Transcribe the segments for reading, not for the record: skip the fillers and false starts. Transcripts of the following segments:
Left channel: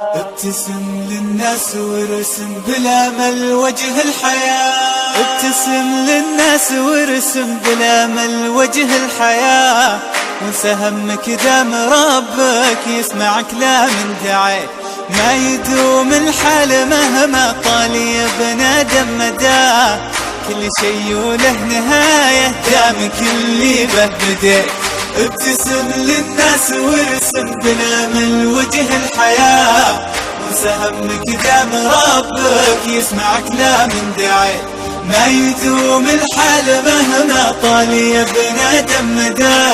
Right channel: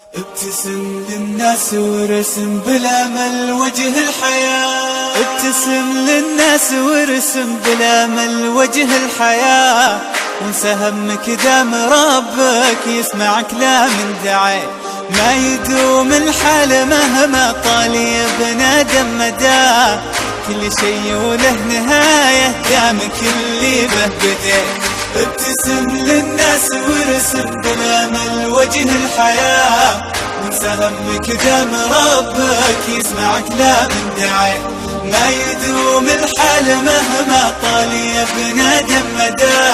ابتسم للناس وارسم بالامل وجه الحياة. ابتسم للناس وارسم بالامل وجه الحياة، وانسى همك دام ربك يسمع كلام دعيت. ما يدوم الحال مهما طال يا ابن ادم مدى، كل شي وله نهاية دام كل به بديت. ابتسم للناس وارسم بالامل وجه الحياة، وانسى همك دام ربك يسمع كلام دعيت. ما يدوم الحال مهما طال يا ابن ادم مدى،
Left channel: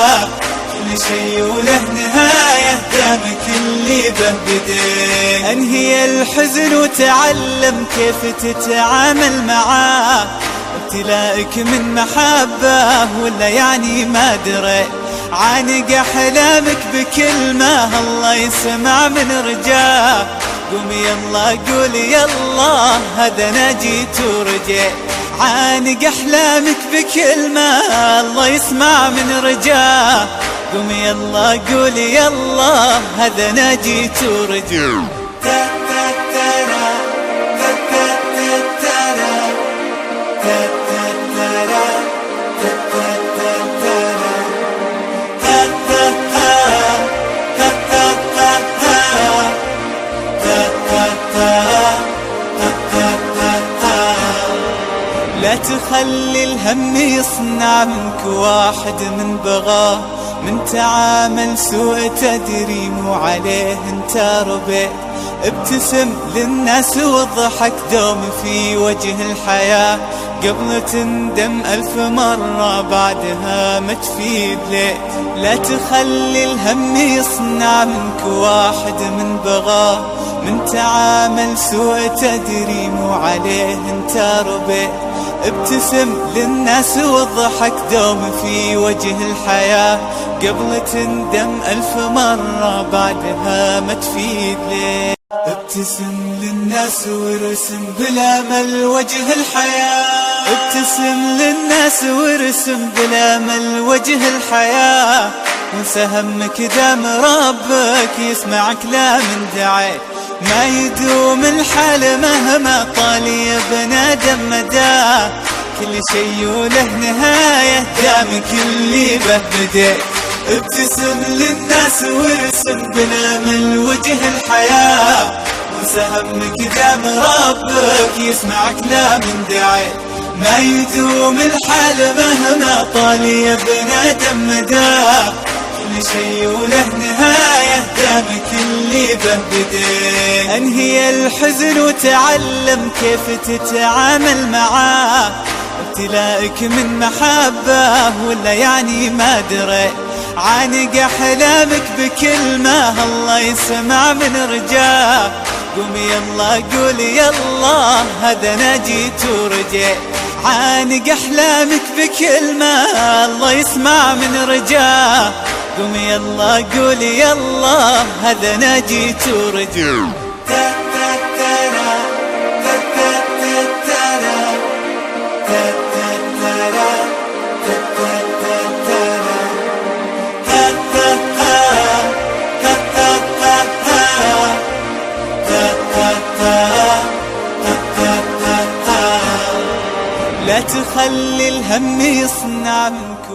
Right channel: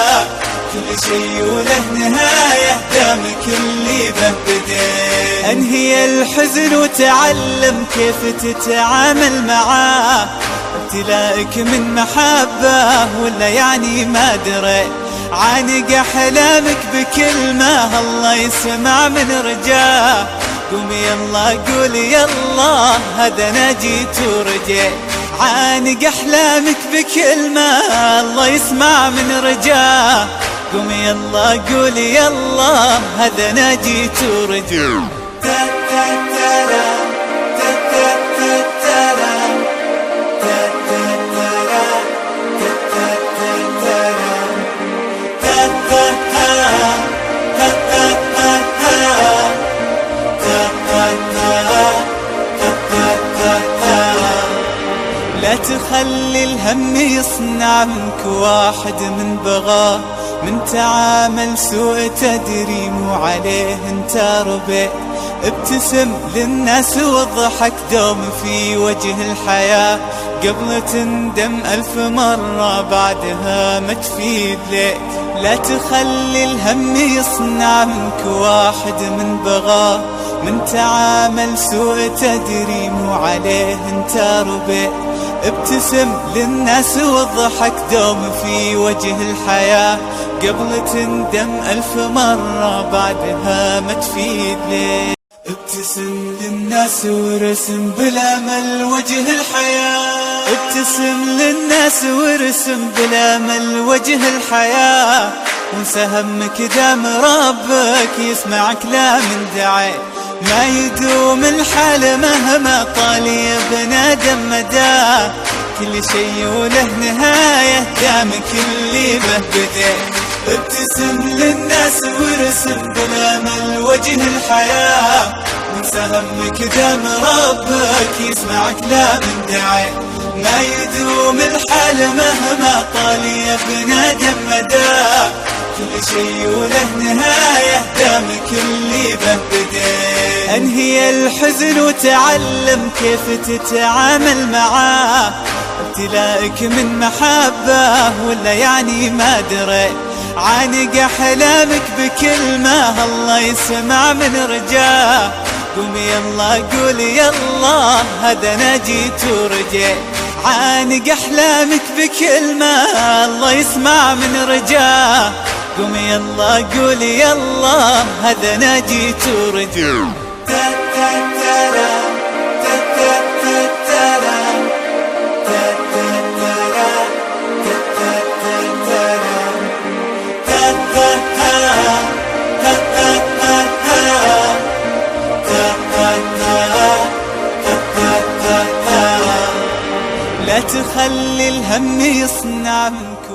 كل شي وله نهاية دام كل به بديت. انهي الحزن وتعلم كيف تتعامل معاه، ابتلائك من محبة ولا يعني ما دريت. عانق احلامك بكلمة الله يسمع من رجاه. قوم يلا قول يلا هذا انا جيت ورجيت. عانق احلامك بكلمة الله يسمع من رجاه. قوم يلا قول يلا هذا انا جيت ورجيت. لا تخلي الهم يصنع منك واحد من بغاه، من تعامل سوء تدري مو عليه انت ربيت. ابتسم للناس واضحك دوم في وجه الحياة، قبل تندم 1000 مرة بعدها ما تفيد ليت. لا تخلي الهم يصنع منك واحد من بغاه، من تعامل سوء تدري مو عليه انت ربيت. ابتسم للناس واضحك دوم في وجه الحياة، قبل تندم 1000 مرة بعدها ما تفيد ليه. ابتسم للناس وارسم بالامل وجه الحياة. ابتسم للناس وارسم بالامل وجه الحياة، وانسى همك دام ربك يسمع كلام دعيت. ما يدوم الحال مهما طال يا ابن ادم مدى، كل شي وله نهاية دام كل به بديت. ابتسم للناس وارسم بالامل وجه الحياة، وانسى همك دام ربك يسمع كلام دعيت. ما يدوم الحال مهما طال يا ابن ادم مدى، كل شي وله نهاية دام كل به بديت. انهي الحزن وتعلم كيف تتعامل معاه، ابتلائك من محبة ولا يعني ما دريت. عانق احلامك بكلمة الله يسمع من رجاه. قوم يلا قول يلا هذا انا جيت ورجيت. عانق احلامك بكلمة الله يسمع من رجاه. قوم يلا قول يلا هذا انا جيت ورجيت. لا تخلي الهم يصنع منك